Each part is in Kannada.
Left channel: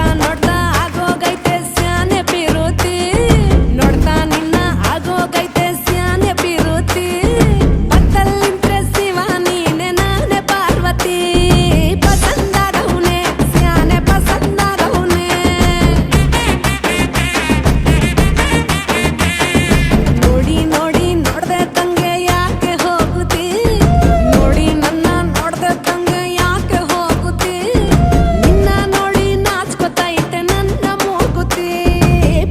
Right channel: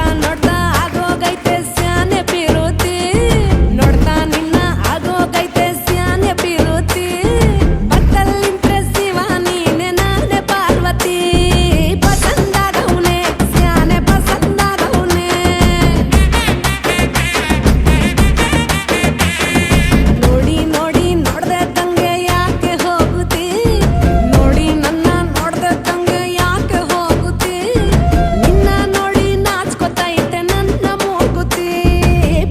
ನೋಡ್ತಾ ನೋಡ್ತಾ ಆಗೋಗೈತೆ ಸ್ಯಾನೆ ಪಿರುತಿ ನೋಡ್ತಾ ನಿನ್ನ ಆಗೋಗೈತೆ ಸ್ಯಾನೆ ಪಿರುತಿ ಪಕ್ಕದಲ್ಲಿಂತ್ರೆ ಶಿವ ನೀನೆ ನಾನೇ ಪಾರ್ವತಿ ಪಸಂದಾಗವ್ನೆ ಸ್ಯಾನೆ ಪಸಂದಾಗವ್ನೆ ನೋಡಿ ನೋಡಿ ನೋಡ್ದೆ ತಂಗೆ ಯಾಕೆ ಹೋಗುತ್ತಿ ನೋಡಿ ನನ್ನ ನೋಡ್ದೆ ತಂಗೆ ಯಾಕೆ ಹೋಗುತ್ತಿ ನಿನ್ನ ನೋಡಿ ನಾಚ್ಕೊತೈತೆ ನನ್ನ ಮೂಗುತಿ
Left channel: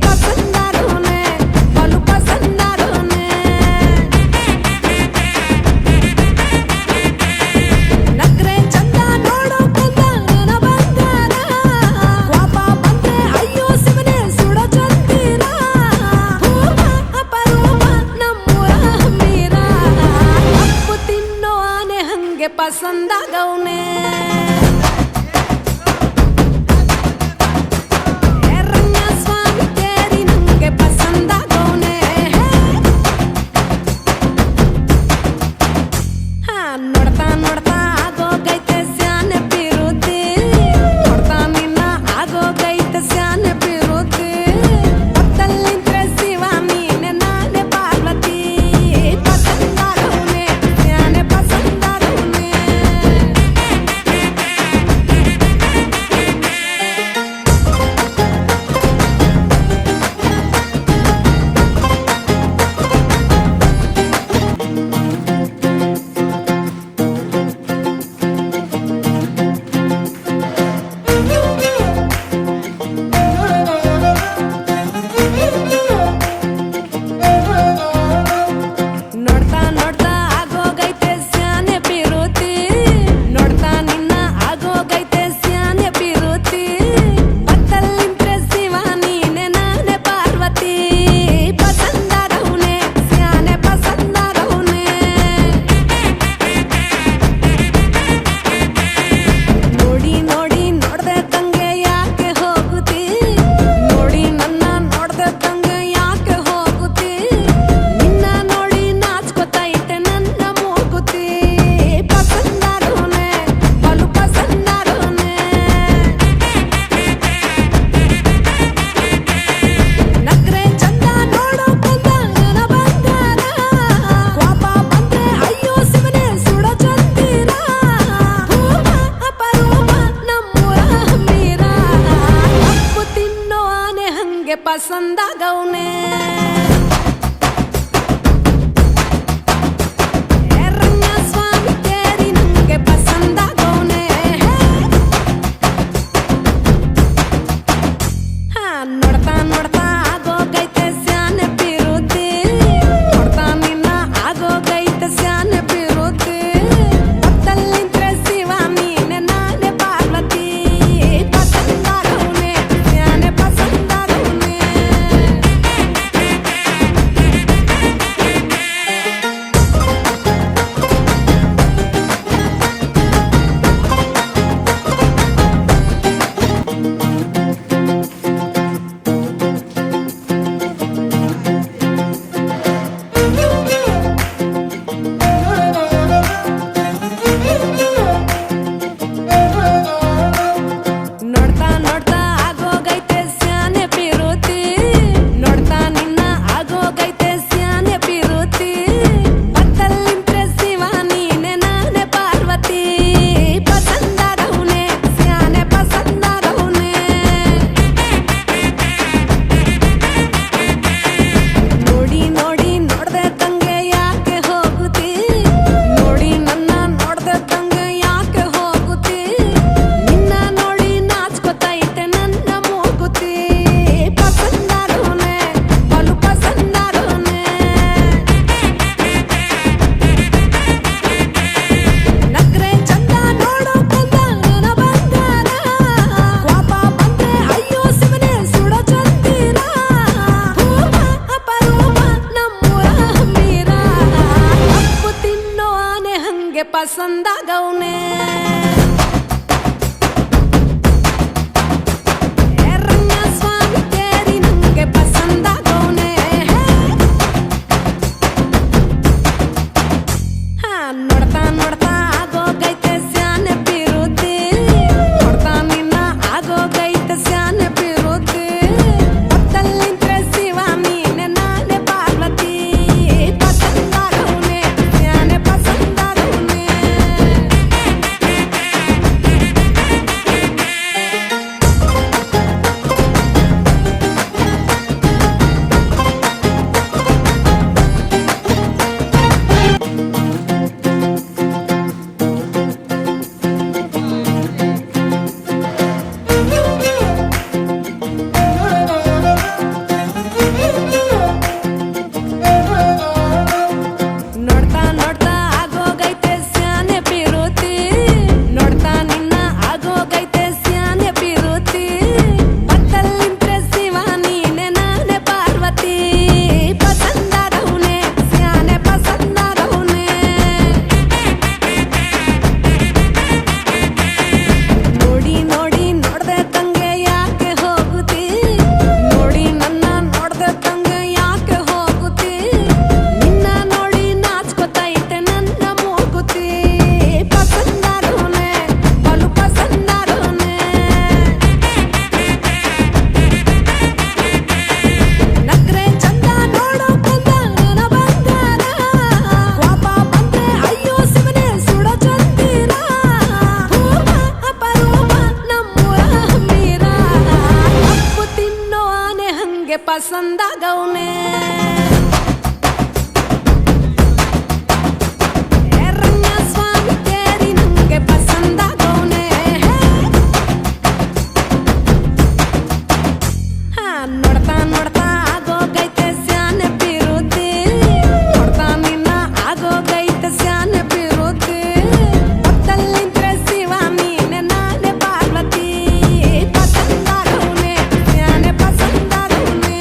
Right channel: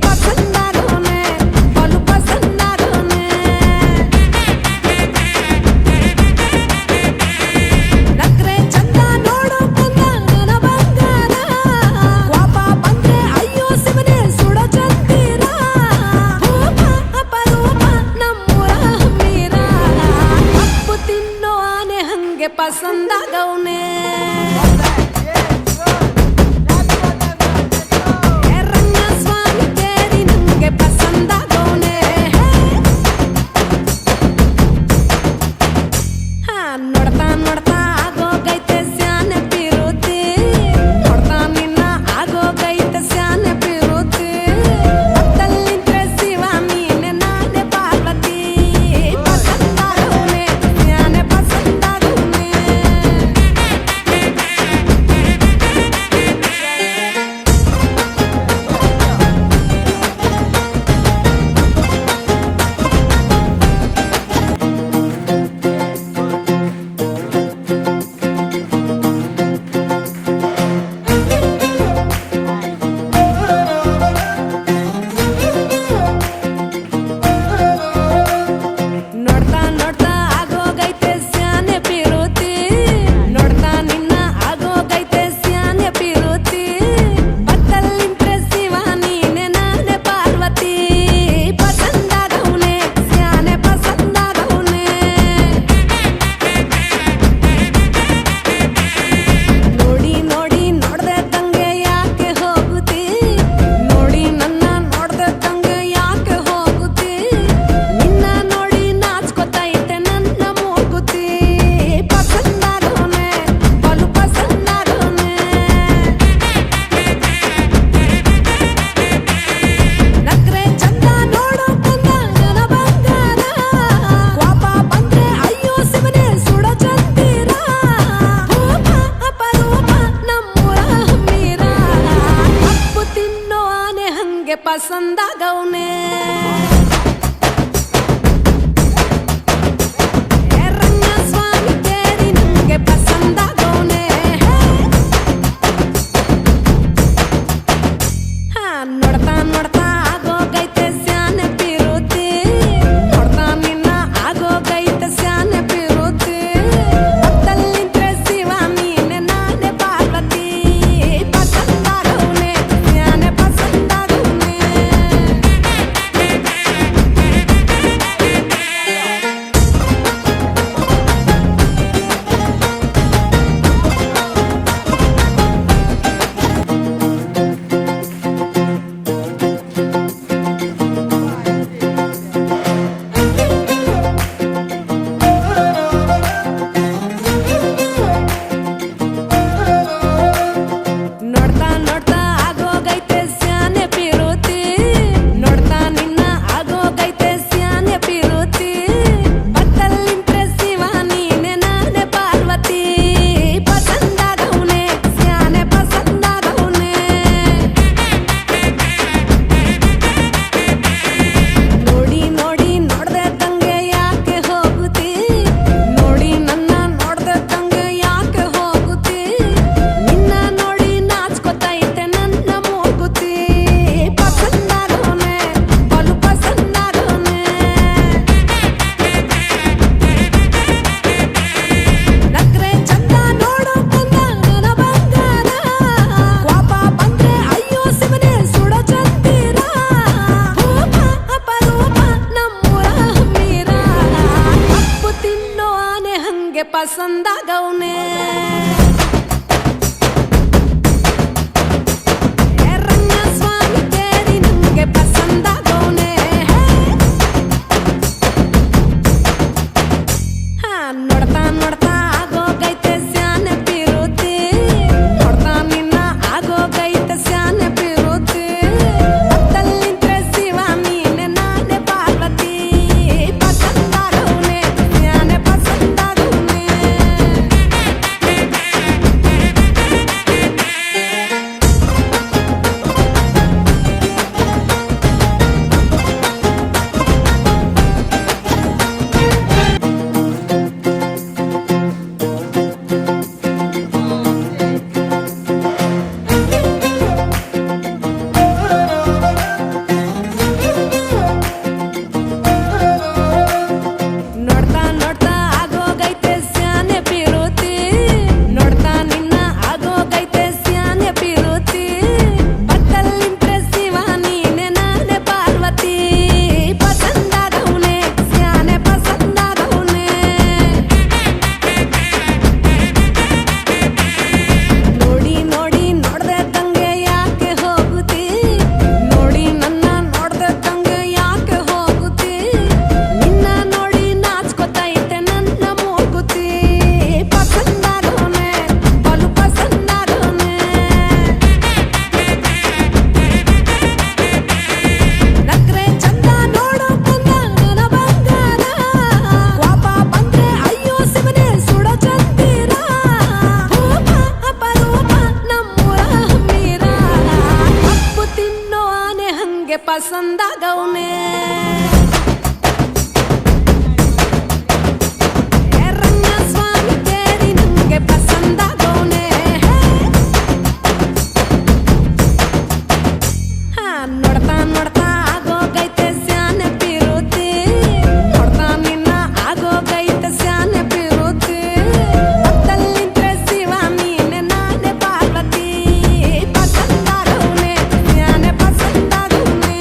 ಪಸಂದಾಗವ್ನೆ ಬಲು ಪಸಂದಾಗವ್ನೆ ನಕ್ರೆ ಚಂದ ನೋಡೋ ಕಂದ ನನ್ನ ಬಂಗಾರ ಕೋಪ ಬಂದ್ರೆ ಅಯ್ಯೋ ಶಿವನೇ ಸುಡೋ ಚಂದಿರ ಭೂಮ ಅಪರೂಪ ನಮ್ಮೂರ ಹಮ್ಮೀರ ಕಪ್ಪು ತಿನ್ನೋ ಆನೆ ಹಂಗೆ ಪಸಂದಾಗವ್ನೆ ರಂಗಸ್ವಾಮಿ ಕೇರಿ ನಂಗೆ ಪಸಂದಾಗವ್ನೆ ನೋಡ್ತಾ ನೋಡ್ತಾ ಆಗೋಗೈತೆ ಸ್ಯಾನೆ ಪಿರುತಿ ನೋಡ್ತಾ ನಿನ್ನ ಆಗೋಗೈತೆ ಸ್ಯಾನೆ ಪಿರುತಿ ಪಕ್ಕದಲ್ಲಿಂತ್ರೆ ಶಿವ ನೀನೆ ನಾನೇ ಪಾರ್ವತಿ ಪಸಂದಾಗವ್ನೆ ಸ್ಯಾನೆ ಪಸಂದಾಗವ್ನೆ ನೋಡ್ತಾ ನೋಡ್ತಾ ಆಗೋಗೈತೆ ಸ್ಯಾನೆ ಪಿರುತಿ ನೋಡ್ತಾ ನಿನ್ನ ಆಗೋಗೈತೆ ಸ್ಯಾನೆ ಪಿರುತಿ ಪಕ್ಕದಲ್ಲಿಂತ್ರೆ ಶಿವ ನೀನೆ ನಾನೇ ಪಾರ್ವತಿ ಪಸಂದಾಗವ್ನೆ ಸ್ಯಾನೆ ಪಸಂದಾಗವ್ನೆ ನೋಡಿ ನೋಡಿ ನೋಡ್ದೆ ತಂಗೆ ಯಾಕೆ ಹೋಗುತ್ತಿ ನೋಡಿ ನನ್ನ ನೋಡ್ದೆ ತಂಗೆ ಯಾಕೆ ಹೋಗುತ್ತಿ ನಿನ್ನ ನೋಡಿ ನಾಚ್ಕೊತೈತೆ ನನ್ನ ಮೂಗುತಿ ಪಸಂದಾಗವ್ನೆ ಬಲು ಪಸಂದಾಗವ್ನೆ ನಕ್ರೆ ಚಂದ ನೋಡೋ ಕಂದ ನನ್ನ ಬಂಗಾರ ಕೋಪ ಬಂದ್ರೆ ಅಯ್ಯೋ ಶಿವನೇ ಸುಡೋ ಚಂದಿರ ಭೂಮ ಅಪರೂಪ ನಮ್ಮೂರ ಹಮ್ಮೀರ ಕಪ್ಪು ತಿನ್ನೋ ಆನೆ ಹಂಗೆ ಪಸಂದಾಗವ್ನೆ ರಂಗಸ್ವಾಮಿ ಕೇರಿ ನಂಗೆ ಪಸಂದಾಗವ್ನೆ ನೋಡ್ತಾ ನೋಡ್ತಾ ಆಗೋಗೈತೆ ಸ್ಯಾನೆ ಪಿರುತಿ ನೋಡ್ತಾ ನಿನ್ನ ಆಗೋಗೈತೆ ಸ್ಯಾನೆ ಪಿರುತಿ ಪಕ್ಕದಲ್ಲಿಂತ್ರೆ ಶಿವ ನೀನೆ ನಾನೇ ಪಾರ್ವತಿ ಪಸಂದಾಗವ್ನೆ ಸ್ಯಾನೆ ಪಸಂದಾಗವ್ನೆ ನೋಡ್ತಾ ನೋಡ್ತಾ ಆಗೋಗೈತೆ ಸ್ಯಾನೆ ಪಿರುತಿ ನೋಡ್ತಾ ನಿನ್ನ ಆಗೋಗೈತೆ ಸ್ಯಾನೆ ಪಿರುತಿ ಪಕ್ಕದಲ್ಲಿಂತ್ರೆ ಶಿವ ನೀನೆ ನಾನೇ ಪಾರ್ವತಿ ಪಸಂದಾಗವ್ನೆ ಸ್ಯಾನೆ ಪಸಂದಾಗವ್ನೆ ನೋಡಿ ನೋಡಿ ನೋಡ್ದೆ ತಂಗೆ ಯಾಕೆ ಹೋಗುತ್ತಿ ನೋಡಿ ನನ್ನ ನೋಡ್ದೆ ತಂಗೆ ಯಾಕೆ ಹೋಗುತ್ತಿ ನಿನ್ನ ನೋಡಿ ನಾಚ್ಕೊತೈತೆ ನನ್ನ ಮೂಗುತಿ ಪಸಂದಾಗವ್ನೆ ಬಲು ಪಸಂದಾಗವ್ನೆ ನಕ್ರೆ ಚಂದ ನೋಡೋ ಕಂದ ನನ್ನ ಬಂಗಾರ ಕೋಪ ಬಂದ್ರೆ ಅಯ್ಯೋ ಶಿವನೇ ಸುಡೋ ಚಂದಿರ ಭೂಮ ಅಪರೂಪ ನಮ್ಮೂರ ಹಮ್ಮೀರ ಕಪ್ಪು ತಿನ್ನೋ ಆನೆ ಹಂಗೆ ಪಸಂದಾಗವ್ನೆ ರಂಗಸ್ವಾಮಿ ಕೇರಿ ನಂಗೆ ಪಸಂದಾಗವ್ನೆ ನೋಡ್ತಾ ನೋಡ್ತಾ ಆಗೋಗೈತೆ ಸ್ಯಾನೆ ಪಿರುತಿ ನೋಡ್ತಾ ನಿನ್ನ ಆಗೋ ಆಗೋಗೈತೆ ಸ್ಯಾನೆ ಪಿರುತಿ ಪಕ್ಕದಲ್ಲಿಂತ್ರೆ ಶಿವ ನೀನೆ ನಾನೇ ಪಾರ್ವತಿ ಪಸಂದಾಗವ್ನೆ ಸ್ಯಾನೆ ಪಸಂದಾಗವ್ನೆ ನೋಡ್ತಾ ನೋಡ್ತಾ ಆಗೋಗೈತೆ ಸ್ಯಾನೆ ಪಿರುತಿ ನೋಡ್ತಾ ನಿನ್ನ ಆಗೋಗೈತೆ ಸ್ಯಾನೆ ಪಿರುತಿ ಪಕ್ಕದಲ್ಲಿಂತ್ರೆ ಶಿವ ನೀನೆ ನಾನೇ ಪಾರ್ವತಿ ಪಸಂದಾಗವ್ನೆ ಸ್ಯಾನೆ ಪಸಂದಾಗವ್ನೆ ನೋಡಿ ನೋಡಿ ನೋಡ್ದೆ ತಂಗೆ ಯಾಕೆ ಹೋಗುತ್ತಿ ನೋಡಿ ನನ್ನ ನೋಡ್ದೆ ತಂಗೆ ಯಾಕೆ ಹೋಗುತ್ತಿ ನಿನ್ನ ನೋಡಿ ನಾಚ್ಕೊತೈತೆ ನನ್ನ ಮೂಗುತಿ ಪಸಂದಾಗವ್ನೆ ಬಲು ಪಸಂದಾಗವ್ನೆ ನಕ್ರೆ ಚಂದ ನೋಡೋ ಕಂದ ನನ್ನ ಬಂಗಾರ ಕೋಪ ಬಂದ್ರೆ ಅಯ್ಯೋ ಶಿವನೇ ಸುಡೋ ಚಂದಿರ ಭೂಪ ಅಪರೂಪ ನಮ್ಮೂರ ಹಮ್ಮೀರ ಕಪ್ಪು ತಿನ್ನೋ ಆನೆ ಹಂಗೆ ಪಸಂದಾಗವ್ನೆ ರಂಗಸ್ವಾಮಿ ಕೇರಿ ನಂಗೆ ಪಸಂದಾಗವ್ನೆ ನೋಡ್ತಾ ನೋಡ್ತಾ ಆಗೋಗೈತೆ ಸ್ಯಾನೆ ಪಿರುತಿ ನೋಡ್ತಾ ನಿನ್ನ ಆಗೋಗೈತೆ ಸ್ಯಾನೆ ಪಿರುತಿ ಪಕ್ಕದಲ್ಲಿಂತ್ರೆ ಶಿವ ನೀನೆ ನಾನೇ ಪಾರ್ವತಿ ಪಸಂದಾಗವ್ನೆ ಸ್ಯಾನೆ ಪಸಂದಾಗವ್ನೆ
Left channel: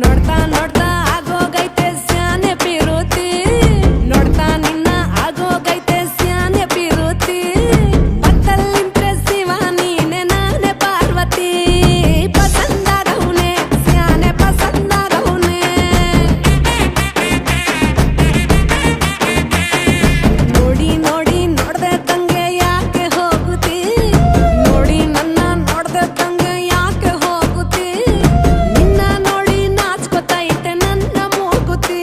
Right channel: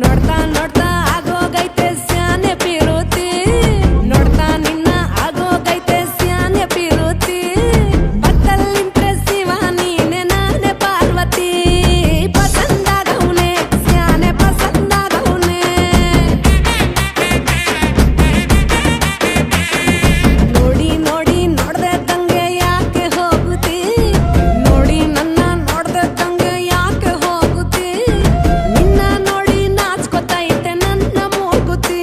ನೋಡ್ತಾ ನೋಡ್ತಾ ಆಗೋಗೈತೆ ಸ್ಯಾನೆ ಪಿರುತಿ ನೋಡ್ತಾ ನಿನ್ನ ಆಗೋಗೈತೆ ಸ್ಯಾನೆ ಪಿರುತಿ ಪಕ್ಕದಲ್ಲಿಂತ್ರೆ ಶಿವ ನೀನೆ ನಾನೇ ಪಾರ್ವತಿ ಪಸಂದಾಗವ್ನೆ ಸ್ಯಾನೆ ಪಸಂದಾಗವ್ನೆ ನೋಡಿ ನೋಡಿ ನೋಡ್ದೆ ತಂಗೆ ಯಾಕೆ ಹೋಗುತ್ತಿ ನೋಡಿ ನನ್ನ ನೋಡ್ದೆ ತಂಗೆ ಯಾಕೆ ಹೋಗುತ್ತಿ ನಿನ್ನ ನೋಡಿ ನಾಚ್ಕೊತೈತೆ ನನ್ನ ಮೂಗುತಿ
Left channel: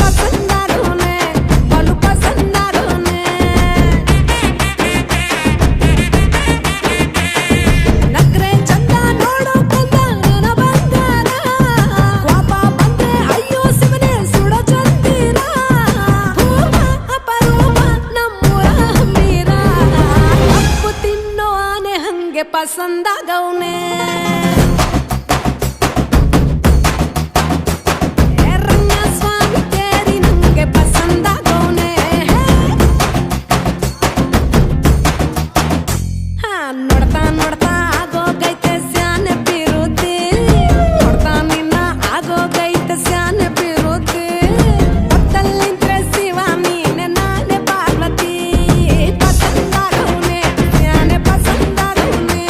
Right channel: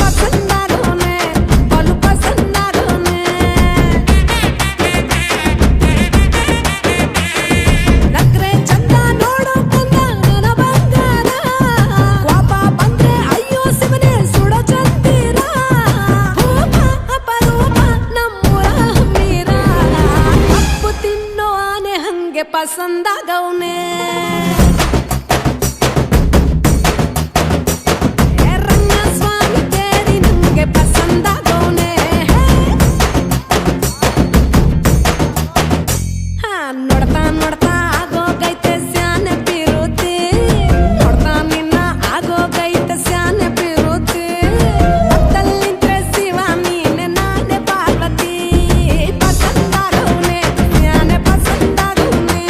ಪಸಂದಾಗವ್ನೆ ಬಲು ಪಸಂದಾಗವ್ನೆ ನಕ್ರೆ ಚಂದ ನೋಡೋ ಕಂದ ನನ್ನ ಬಂಗಾರ ಕೋಪ ಬಂದ್ರೆ ಅಯ್ಯೋ ಶಿವನೇ ಸುಡೋ ಚಂದಿರ ಭೂಪ ಅಪರೂಪ ನಮ್ಮೂರ ಹಮ್ಮೀರ ಕಪ್ಪು ತಿನ್ನೋ ಆನೆ ಹಂಗೆ ಪಸಂದಾಗವ್ನೆ ರಂಗಸ್ವಾಮಿ ಕೇರಿ ನಂಗೆ ಪಸಂದಾಗವ್ನೆ ನೋಡ್ತಾ ನೋಡ್ತಾ ಆಗೋಗೈತೆ ಸ್ಯಾನೆ ಪಿರುತಿ ನೋಡ್ತಾ ನಿನ್ನ ಆಗೋಗೈತೆ ಸ್ಯಾನೆ ಪಿರುತಿ ಪಕ್ಕದಲ್ಲಿಂತ್ರೆ ಶಿವ ನೀನೆ ನಾನೇ ಪಾರ್ವತಿ ಪಸಂದಾಗವ್ನೆ ಸ್ಯಾನೆ ಪಸಂದಾಗವ್ನೆ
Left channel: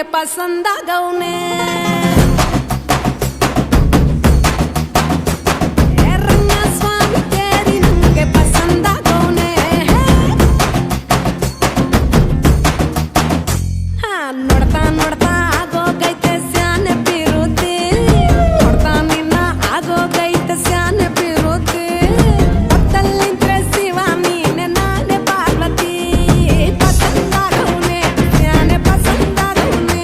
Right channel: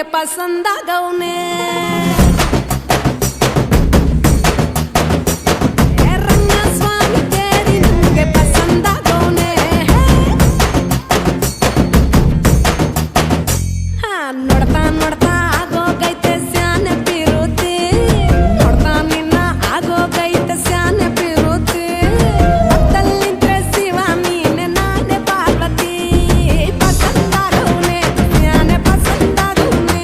ಹಂಗೆ ಪಸಂದಾಗವ್ನೆ ರಂಗಸ್ವಾಮಿ ಕೇರಿ ನಂಗೆ ಪಸಂದಾಗವ್ನೆ ನೋಡ್ತಾ ನೋಡ್ತಾ ಆಗೋಗೈತೆ ಸ್ಯಾನೆ ಪಿರುತಿ ನೋಡ್ತಾ ನಿನ್ನ ಆಗೋಗೈತೆ ಸ್ಯಾನೆ ಪಿರುತಿ ಪಕ್ಕದಲ್ಲಿಂದ್ರೆ ಶಿವ ನೀನೆ ನಾನೇ ಪಾರ್ವತಿ ಪಸಂದಾಗವ್ನೆ ಸ್ಯಾನೆ ಪಸಂದಾಗವ್ನೆ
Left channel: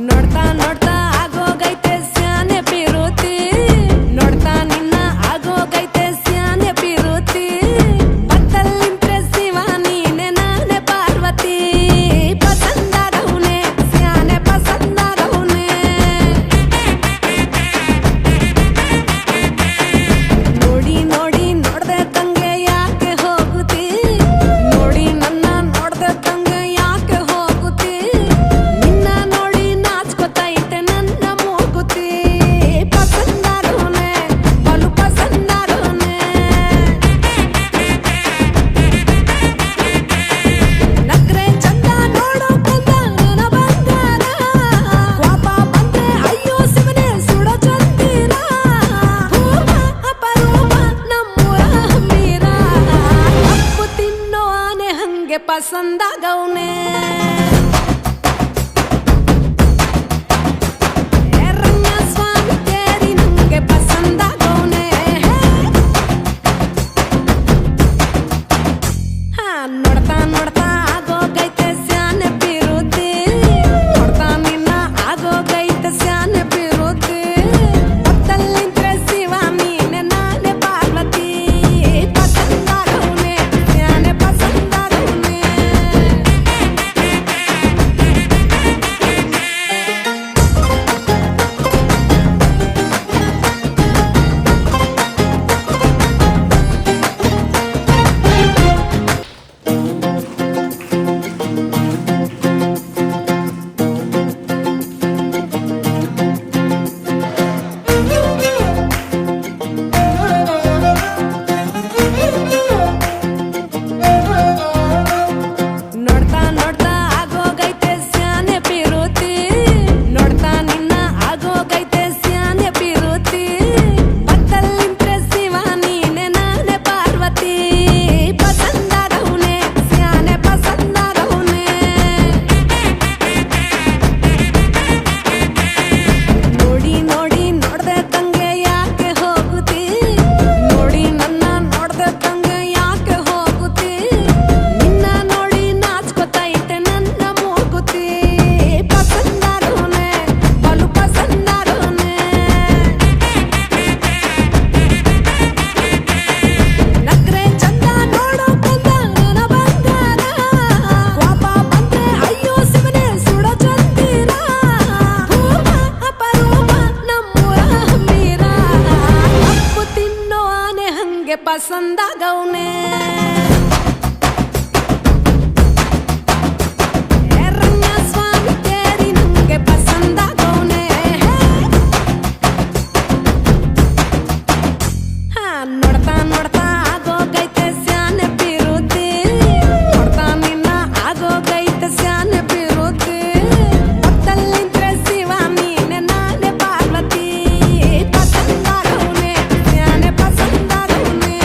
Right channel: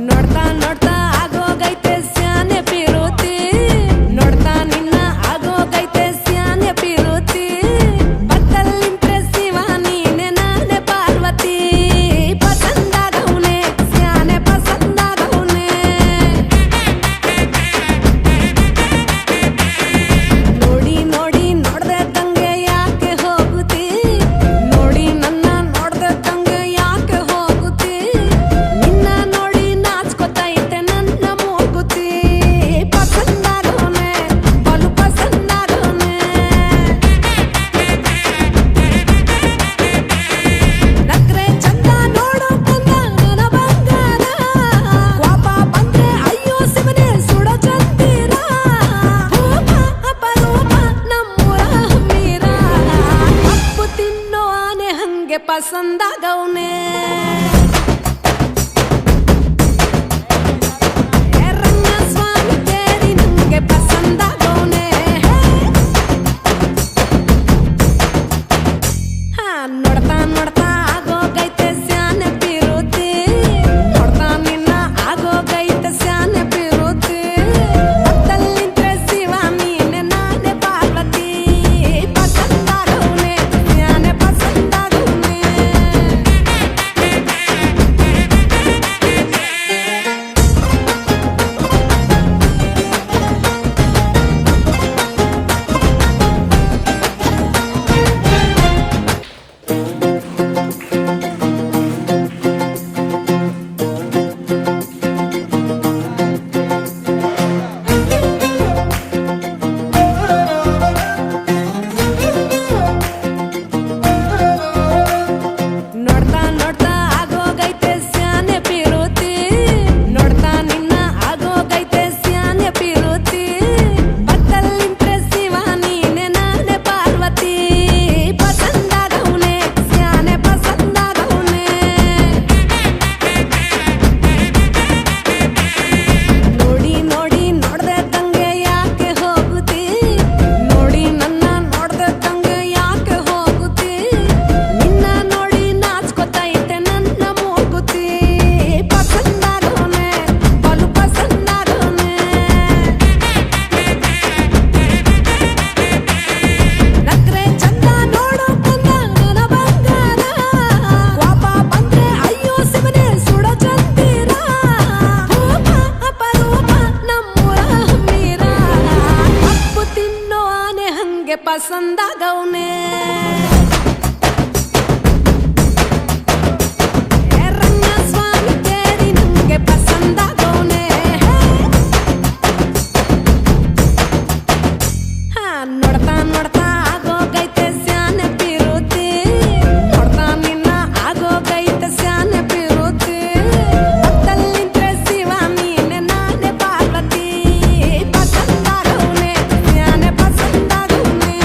ನೋಡ್ತಾ ನೋಡ್ತಾ ಆಗೋಗೈತೆ ಸ್ಯಾನೆ ಪಿರುತಿ ನೋಡ್ತಾ ನಿನ್ನ ಆಗೋಗೈತೆ ಸ್ಯಾನೆ ಪಿರುತಿ ಪಕ್ಕದಲ್ಲಿಂದ್ರೆ ಶಿವ ನೀನೆ ನಾನೇ ಪಾರ್ವತಿ ಪಸಂದಾಗವ್ನೆ ಸ್ಯಾನೆ ಪಸಂದಾಗವ್ನೆ ನೋಡಿ ನೋಡಿ ನೋಡ್ದೆ ತಂಗೆ ಯಾಕೆ ಹೋಗುತ್ತಿ ನೋಡಿ ನನ್ನ ನೋಡ್ದೆ ತಂಗೆ ಯಾಕೆ ಹೋಗುತ್ತಿ ನಿನ್ನ ನೋಡಿ ನಾಚ್ಕೊತೈತೆ ನನ್ನ ಮೂಗುತಿ ಪಸಂದಾಗವ್ನೆ ಬಲು ಪಸಂದಾಗವ್ನೆ ನಕ್ರೆ ಚಂದ ನೋಡೋ ಕಂದ ನನ್ನ ಬಂಗಾರ ಕೋಪ ಬಂದ್ರೆ ಅಯ್ಯೋ ಶಿವನೇ ಸುಡೋ ಚಂದಿರ ಭೂಪ ಅಪರೂಪ ನಮ್ಮೂರ ಹಮ್ಮೀರ ಕಪ್ಪು ತಿನ್ನೋ ಆನೆ ಹಂಗೆ ಪಸಂದಾಗವ್ನೆ ರಂಗಸ್ವಾಮಿ ಕೇರಿ ನಂಗೆ ಪಸಂದಾಗವ್ನೆ ನೋಡ್ತಾ ನೋಡ್ತಾ ಆಗೋಗೈತೆ ಸ್ಯಾನೆ ಪಿರುತಿ ನೋಡ್ತಾ ನಿನ್ನ ಆಗೋಗೈತೆ ಸ್ಯಾನೆ ಪಿರುತಿ ಪಕ್ಕದಲ್ಲಿಂದ್ರೆ ಶಿವ ನೀನೆ ನಾನೇ ಪಾರ್ವತಿ ಪಸಂದಾಗವ್ನೆ ಸ್ಯಾನೆ ಪಸಂದಾಗವ್ನೆ ನೋಡ್ತಾ ನೋಡ್ತಾ ಆಗೋಗೈತೆ ಸ್ಯಾನೆ ಪಿರುತಿ ನೋಡ್ತಾ ನಿನ್ನ ಆಗೋಗೈತೆ ಸ್ಯಾನೆ ಪಿರುತಿ ಪಕ್ಕದಲ್ಲಿಂದ್ರೆ ಶಿವ ನೀನೆ ನಾನೇ ಪಾರ್ವತಿ ಪಸಂದಾಗವ್ನೆ ಸ್ಯಾನೆ ಪಸಂದಾಗವ್ನೆ ನೋಡಿ ನೋಡಿ ನೋಡ್ದೆ ತಂಗೆ ಯಾಕೆ ಹೋಗುತ್ತಿ ನೋಡಿ ನನ್ನ ನೋಡ್ದೆ ತಂಗೆ ಯಾಕೆ ಹೋಗುತ್ತಿ ನಿನ್ನ ನೋಡಿ ನಾಚ್ಕೊತೈತೆ ನನ್ನ ಮೂಗುತಿ ಪಸಂದಾಗವ್ನೆ ಬಲು ಪಸಂದಾಗವ್ನೆ ನಕ್ರೆ ಚಂದ ನೋಡೋ ಕಂದ ನನ್ನ ಬಂಗಾರ ಕೋಪ ಬಂದ್ರೆ ಅಯ್ಯೋ ಶಿವನೇ ಸುಡೋ ಚಂದಿರ ಭೂಪ ಅಪರೂಪ ನಮ್ಮೂರ ಹಮ್ಮೀರ ಕಪ್ಪು ತಿನ್ನೋ ಆನೆ ಹಂಗೆ ಪಸಂದಾಗವ್ನೆ ರಂಗಸ್ವಾಮಿ ಕೇರಿ ನಂಗೆ ಪಸಂದಾಗವ್ನೆ ನೋಡ್ತಾ ನೋಡ್ತಾ ಆಗೋಗೈತೆ ಸ್ಯಾನೆ ಪಿರುತಿ ನೋಡ್ತಾ ನಿನ್ನ ಆಗೋಗೈತೆ ಸ್ಯಾನೆ ಪಿರುತಿ ಪಕ್ಕದಲ್ಲಿಂದ್ರೆ ಶಿವ ನೀನೆ ನಾನೇ ಪಾರ್ವತಿ ಪಸಂದಾಗವ್ನೆ ಸ್ಯಾನೆ ಪಸಂದಾಗವ್ನೆ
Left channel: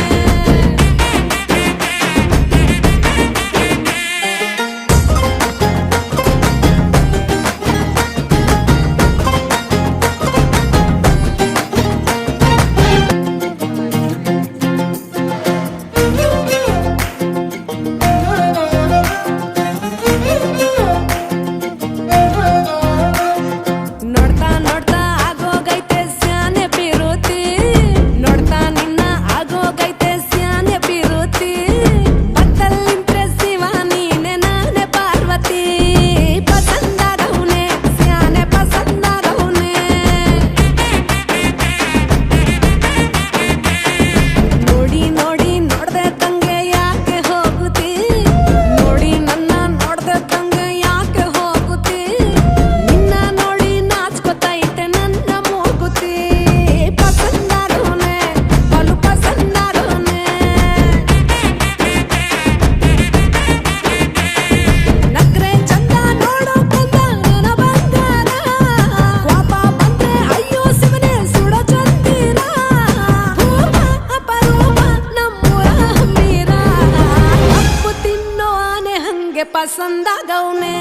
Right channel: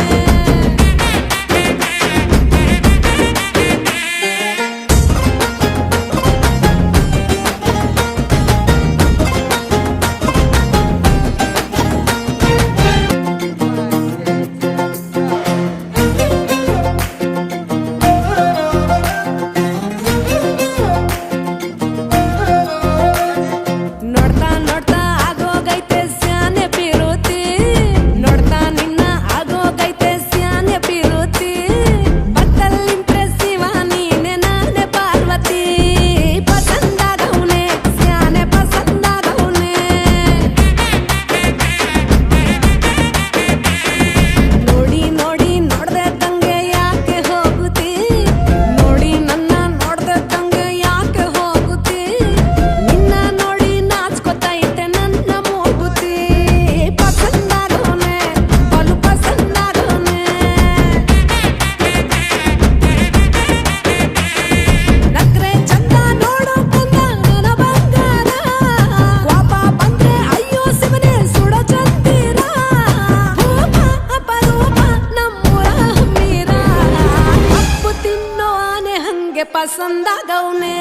ಪಸಂದಾಗವ್ನೆ